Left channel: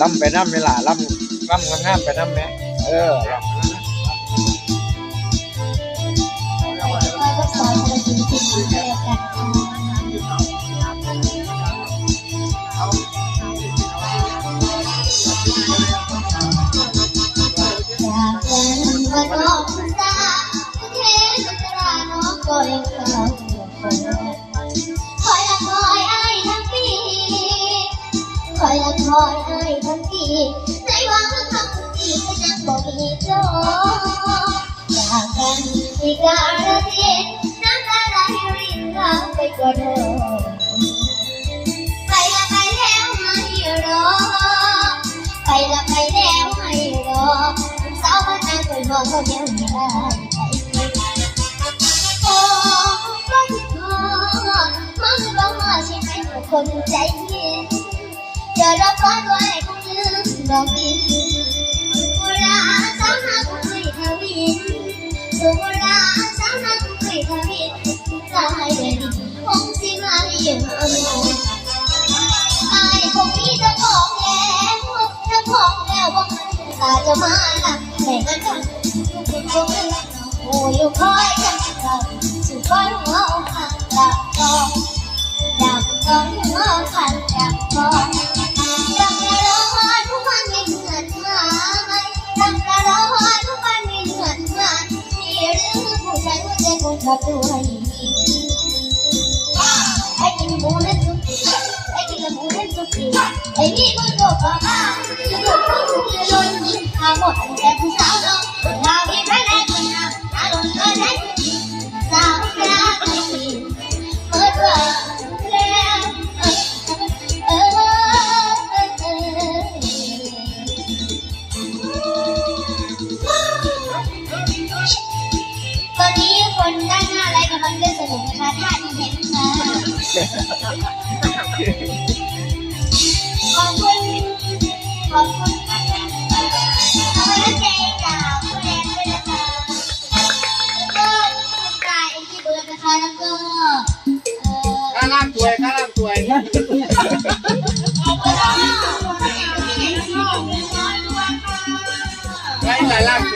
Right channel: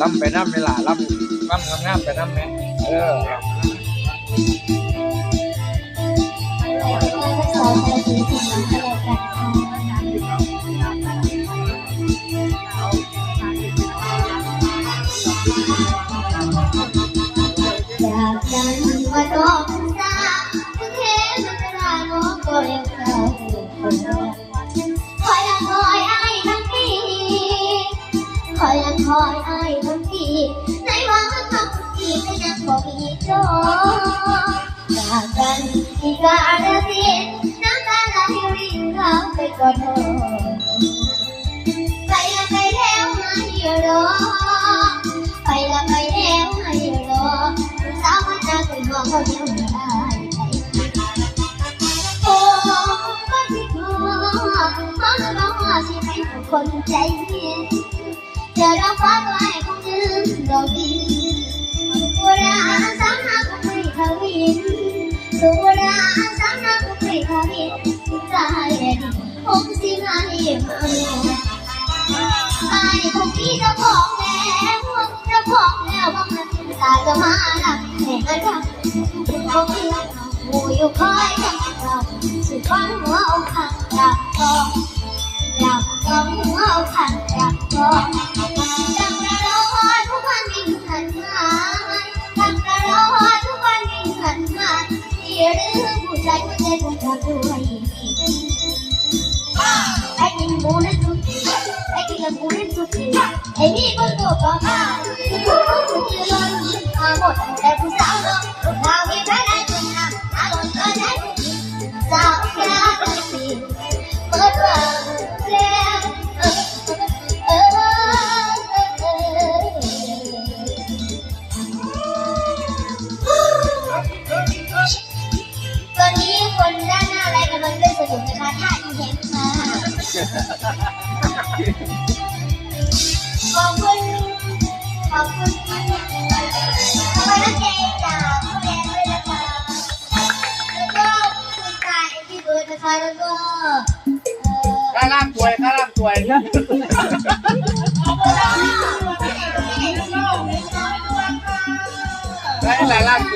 ล่ำไปน้ำเวลาล่ำล่ำงามๆไปน้ำไหมเออคอยละคอยไอ้ทั้งปีคอยละคอยไอ้ 个二个三。髪大変本気ないものไม่คงมีจ้าองแล้วเจ้าองแล้วว่ามันตาจะมาหนักแต่อาจารย์เป็คนอเราอยู่คอยกันเราสุดวัน 我还在自找的，我哪里？ ล่างสวยข้าล่างสวยได้แต่ล่างส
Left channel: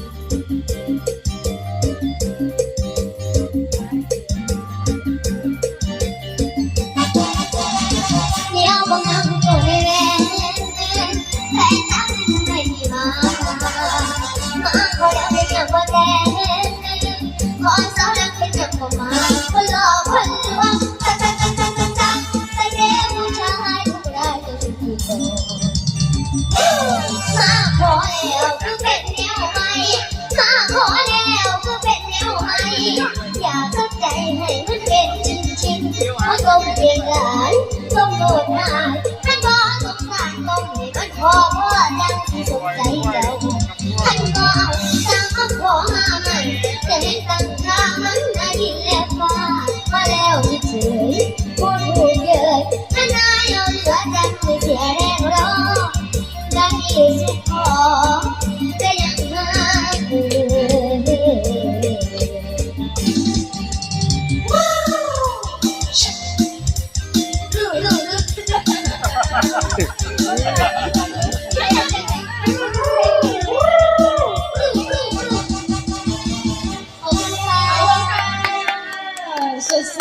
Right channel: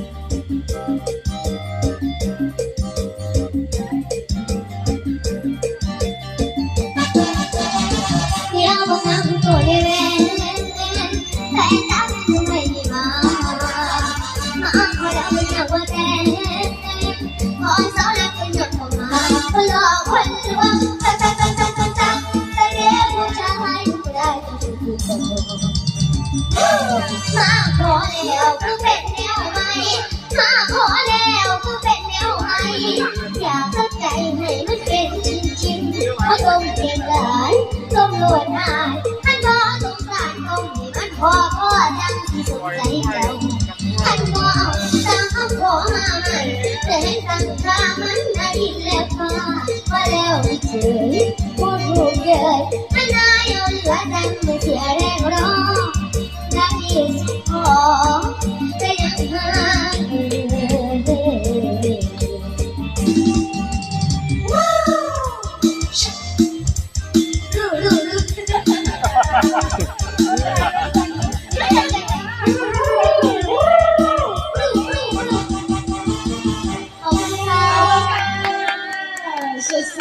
สดใส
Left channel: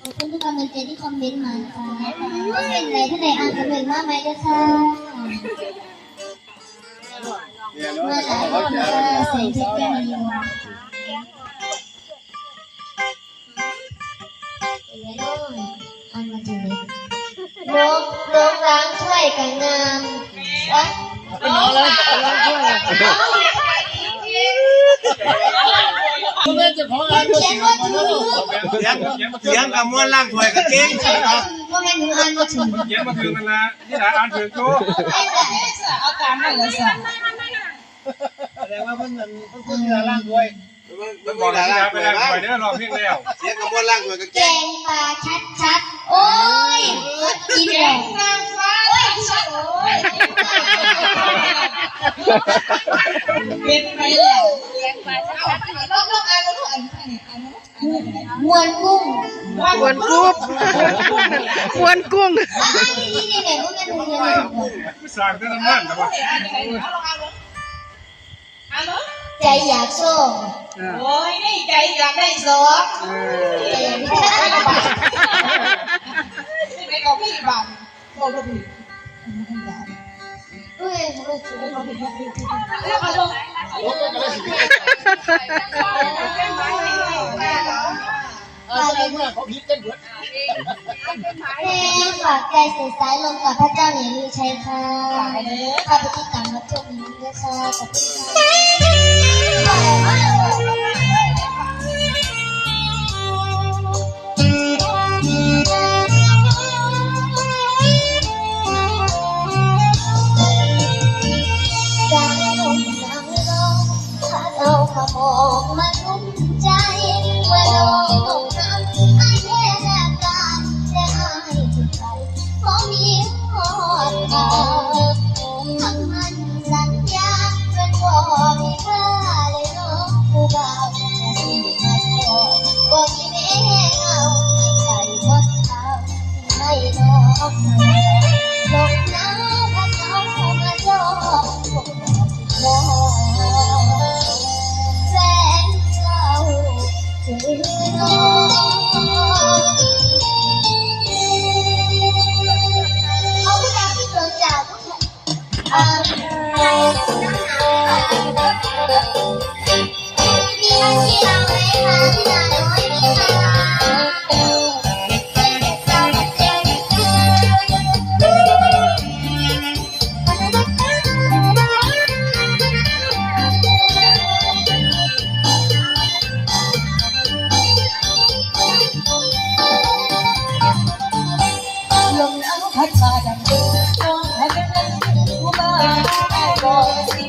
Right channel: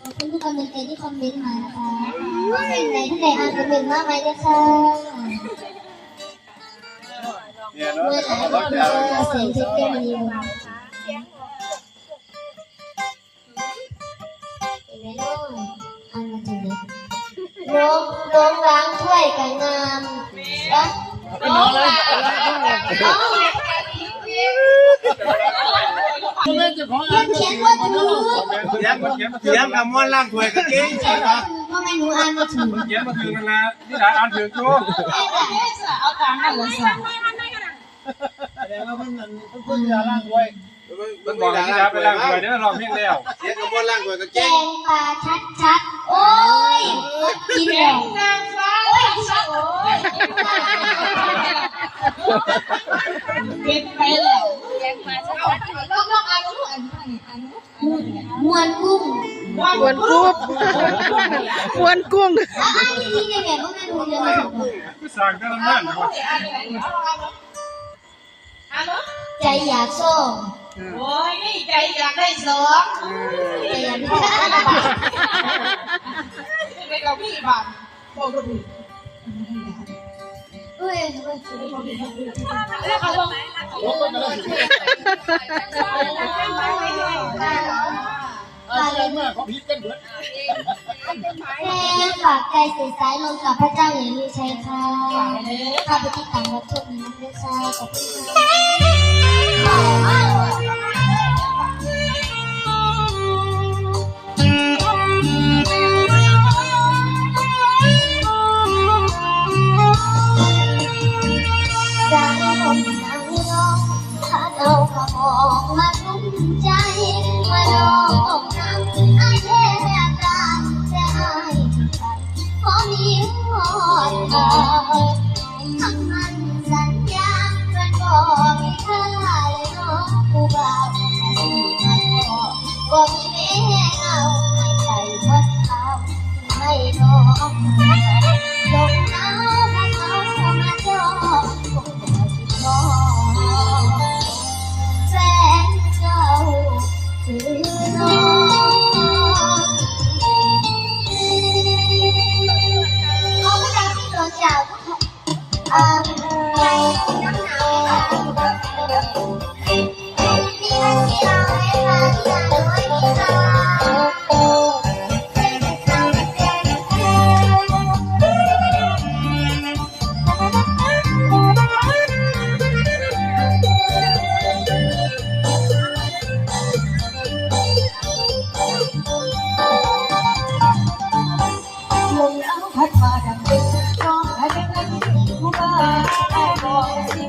ขอบคุณทุกกำลังใจที่คอมเมนต์มานะคะว่าเป็นไรท่านใดอ่านคอมเมนต์มาไหมคะเนี่ยเนาะเมื่อหร่เขาก็จะจะเสียงเพชรแก้มณีวงเป็นไรน้องอ่านมาถึงไหนนกนกล้างถ้วยกับงามและน้องเลยมั นเขียนว่าถูกเสียงเสียงกับม้วนล่างถวยกับเก่งก็ไม่หนูอ่านมาถึงเขียนมาถึงกันละนี่หลายอ่านถึงจู้เอาตามนั่นแหลยสิแสดงว่ามันมันมันเวลาล่างถวย มันบอกเลยที่ครับไปล้างถ้วยเด้อรอบเพียงแล้วเสียงกับม้วนล่างถวยกับแกเก่งงปลาชัดชัดๆโอ้ยกินแกแล้วงนางฟ้าโอ้ยชัดโอ้ยเป็นไปแล้วแกงปลาชัดลองลองอ่านดูอ่านอ่านอ่านมวนกุ้งกวนกรุ๊บกวนกุ้งอะอ่านดีๆเนี่ยเนี่ยก็ไม่รู้ยังไงบอกผู้สร้างแต่ละนั่นนะวะอ่านอะไรเอาลองอ่านอ่าน ใจอยากโซ่โอ้ยนี่ใจอยากได้สองใจอยากได้ไม่ไปกับพี่บ้านบอกกับพี่เฮ้ยเฮ้ยแล้วเอาลงมาเลยเมื่อเขาพิจกันเบิดแม่ฝากใจใส่สายลมกับพระเจ้าเนี่ยมีชัยค่ะข้าพเจ้าตามรับชมนี้ด้วยค่ะขอบคุณค่ะมา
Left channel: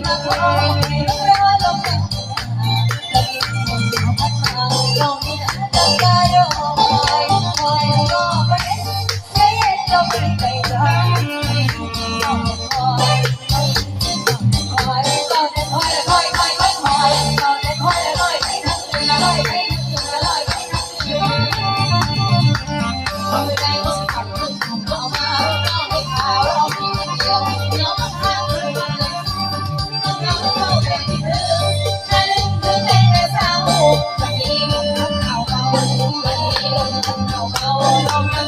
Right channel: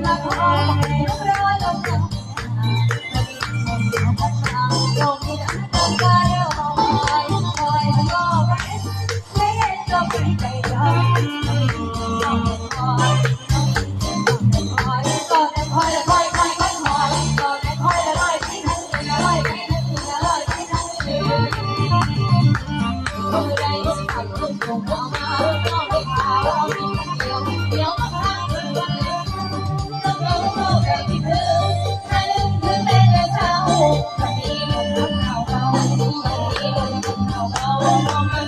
บอ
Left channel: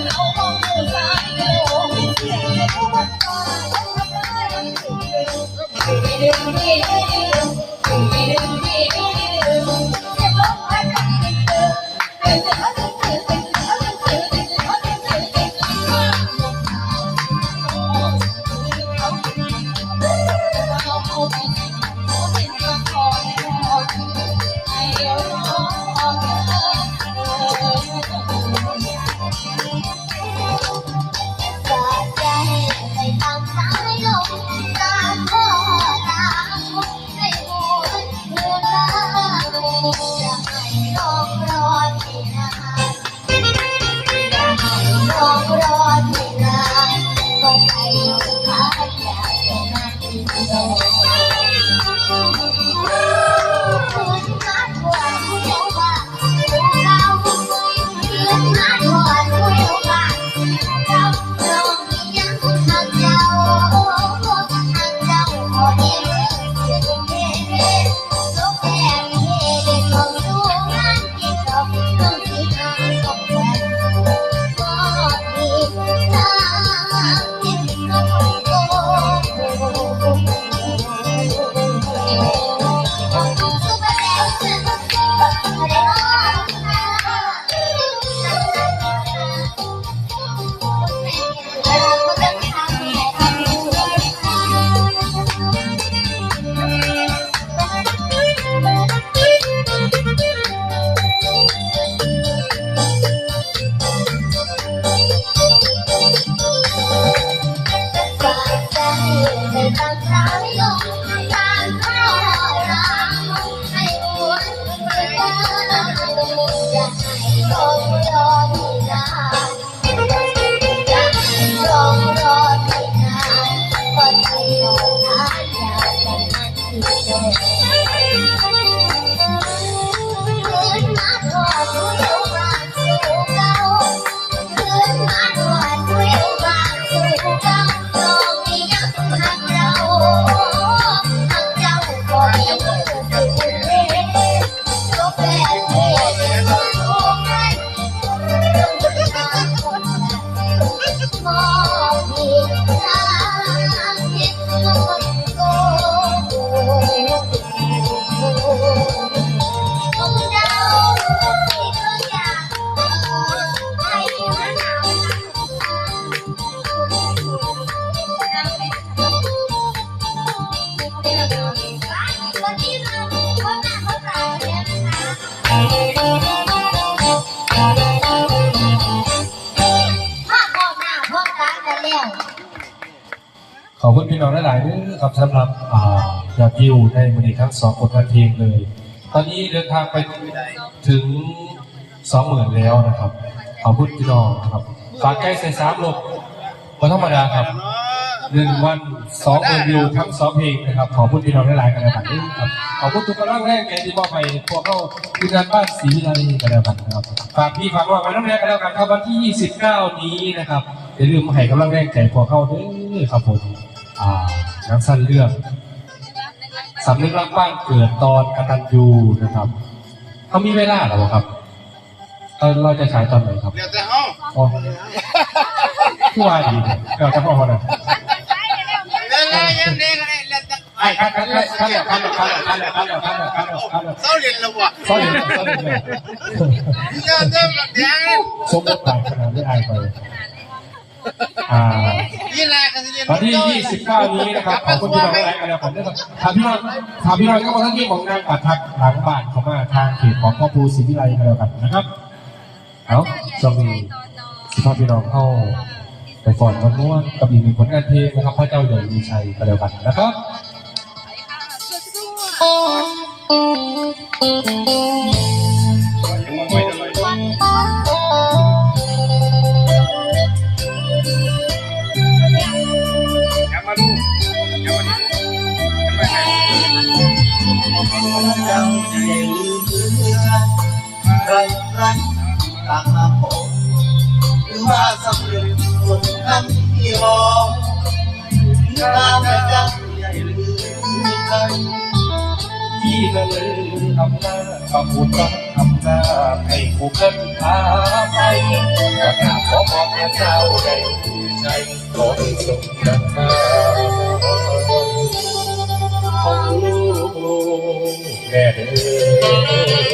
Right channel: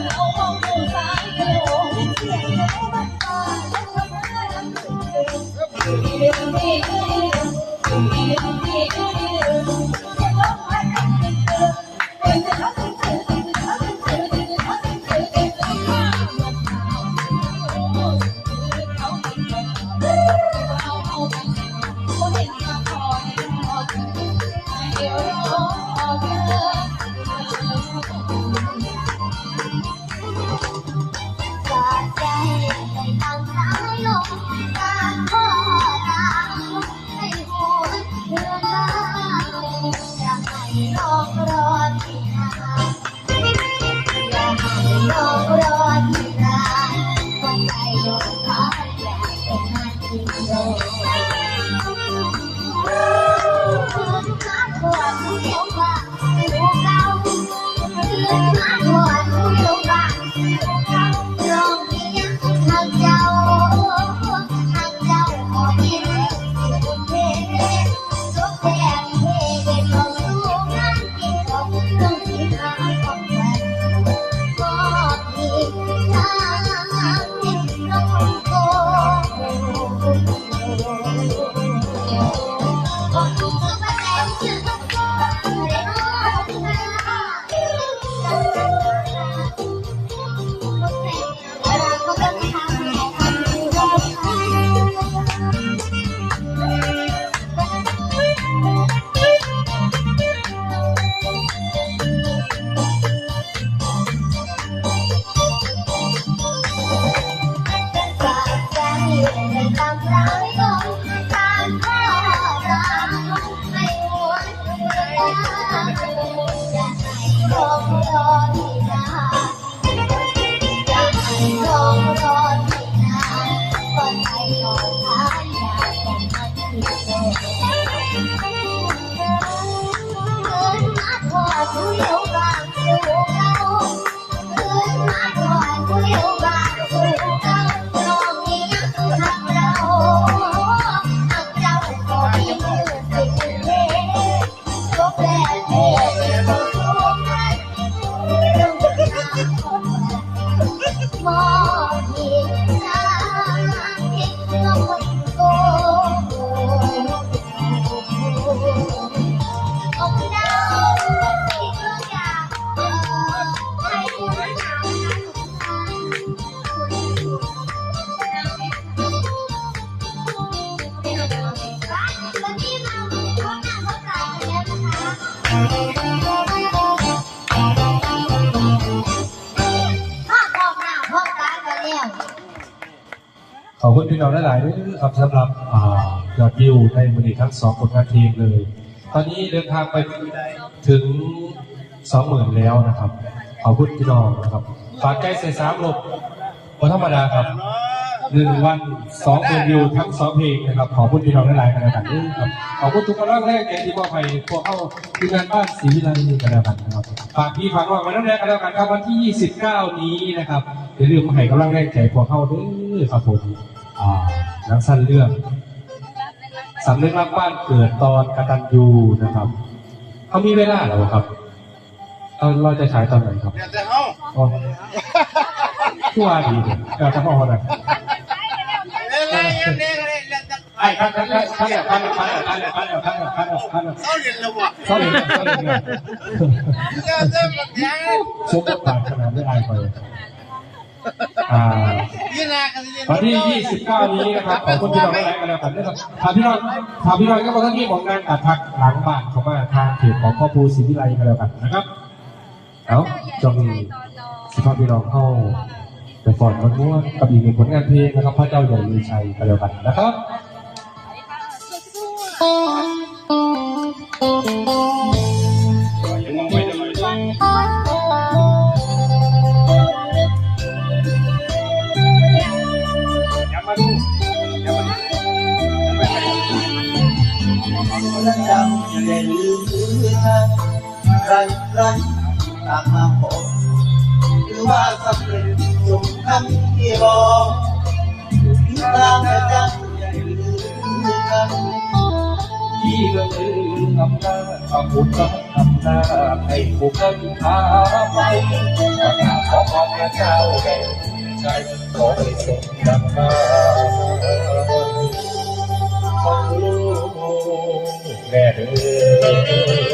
ลอง Thank you. ในมันอีทั้งสองผลงานเพลงเลย ตอนนี้เดินทางไปถึงสองหมื่นแล้วนะครับขอบคุณพี่น้องนะครับฝากใกล้ใส่สามลบวันธรรมดาครับหนึ่งวันสองหมื่นวิวทั้งสองเพลงนะครับขอบคุณพี่น้องหลายๆกันนะครับขอบคุณทุกกำลังแรงใจที่มอบให้พวกเข้าทีมงานบ้านศรีวิไลกันแล้วกันครับฝากพี่ฝากน้องกันแล้วนะกันแล้วกันครับวันที่ 29 นี้นะครับอย่าลืมให้กำลังแรงใจพวกเข้าเด้อครับผมอ่านังสั้นเรื่อง สำนึกรักบ้านเกิดตอนกตัญญูนะครับเขามีเวลาเหรอครับเออเราจะฉายตอนไหนครับเดี๋ยวแต่ห้องอ๋อผู้ว่าดีเนี่ยเราจะพ่อวันนั้นเล่นอะไรยังเด็กอะไรเล่นแต่ไอ้ขั้นขั้นขั้นขั้นขั้นขั้นขั้นขั้นขั้นขั้นขั้นเศร้าเรียนระบบเขาเห็นเขาเห็นเจ้าเจ้าแบบนี้สมบทบาทขนาดไม่อายไป อ่าพี่นากันสิเรียนวันที่ 29 นี้นะครับขอบคุณที่มาไลฟ์กันนะครับถามพี่น้อยถามพี่น้อยก็ทั้งที่ของนางอาทักหลังบ้านของมาทางเพจของพ่อปูศรีวิไลกันแล้วกันนะครับเอาสวัสดีสุภาพพี่น้องเข้าไปก่อนกันนวดกับอีกหนึ่งผลงานเพลงนะครับพระเจ้าใหญ่มีชัยกันแล้วกันนะครับ ก็ลืมทำหน้าก็คงต้องทำหน้าให้ผู้กันพาไปประกาศขอพระเจ้าใหญ่มีชัยขอให้สมดังมาของลูกแม่เด้อ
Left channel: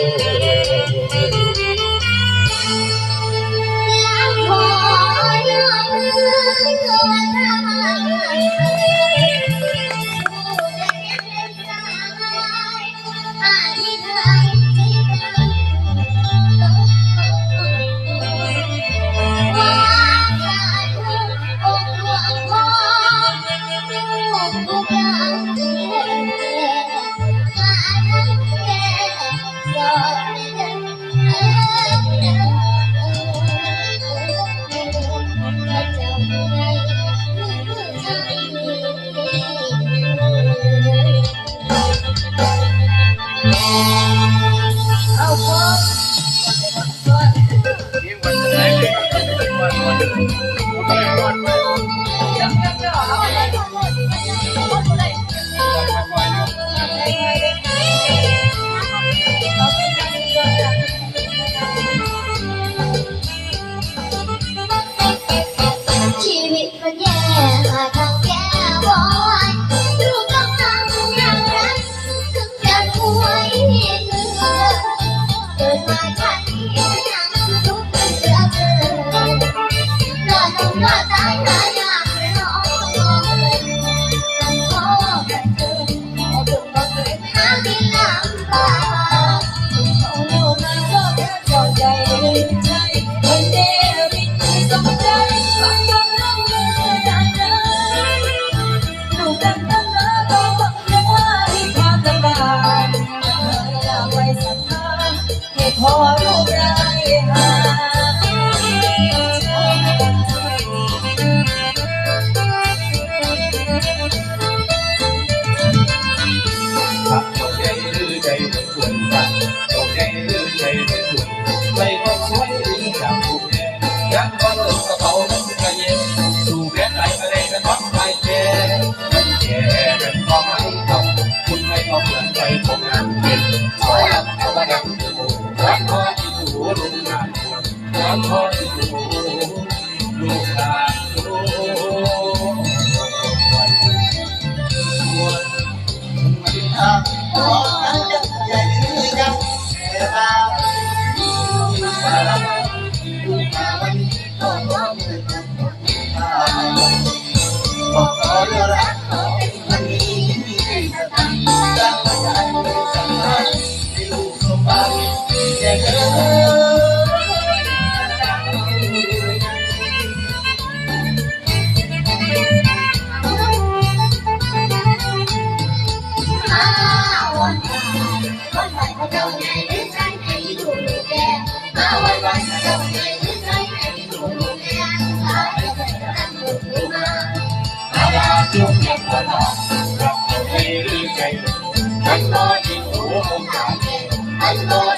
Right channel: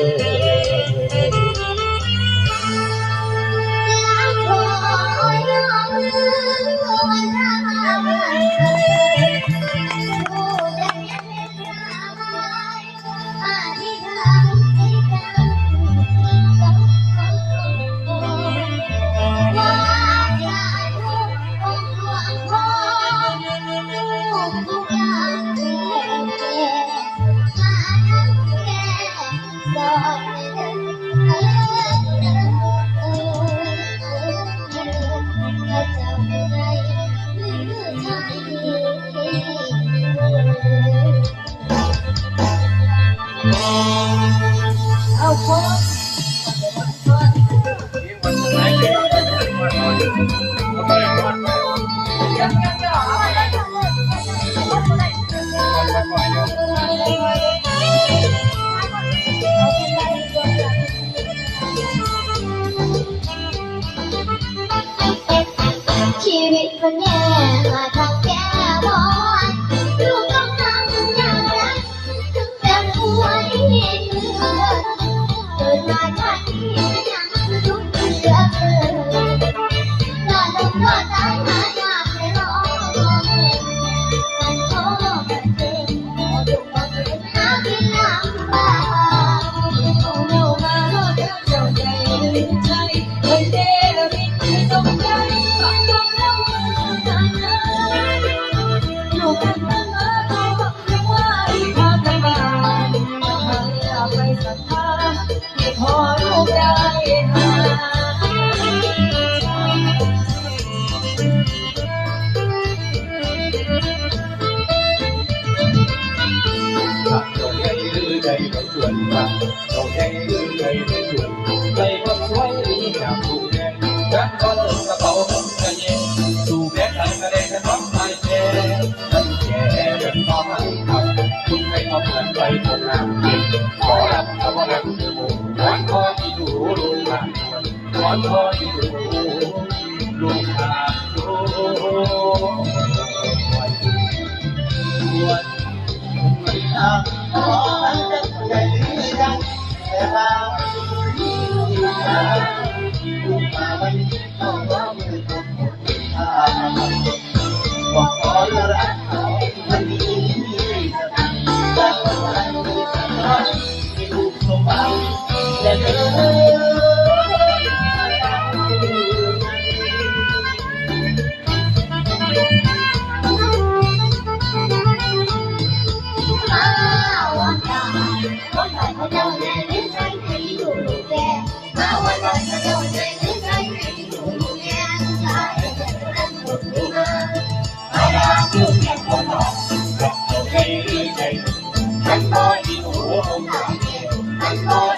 มันบ่อีกหัวองค์การนบ่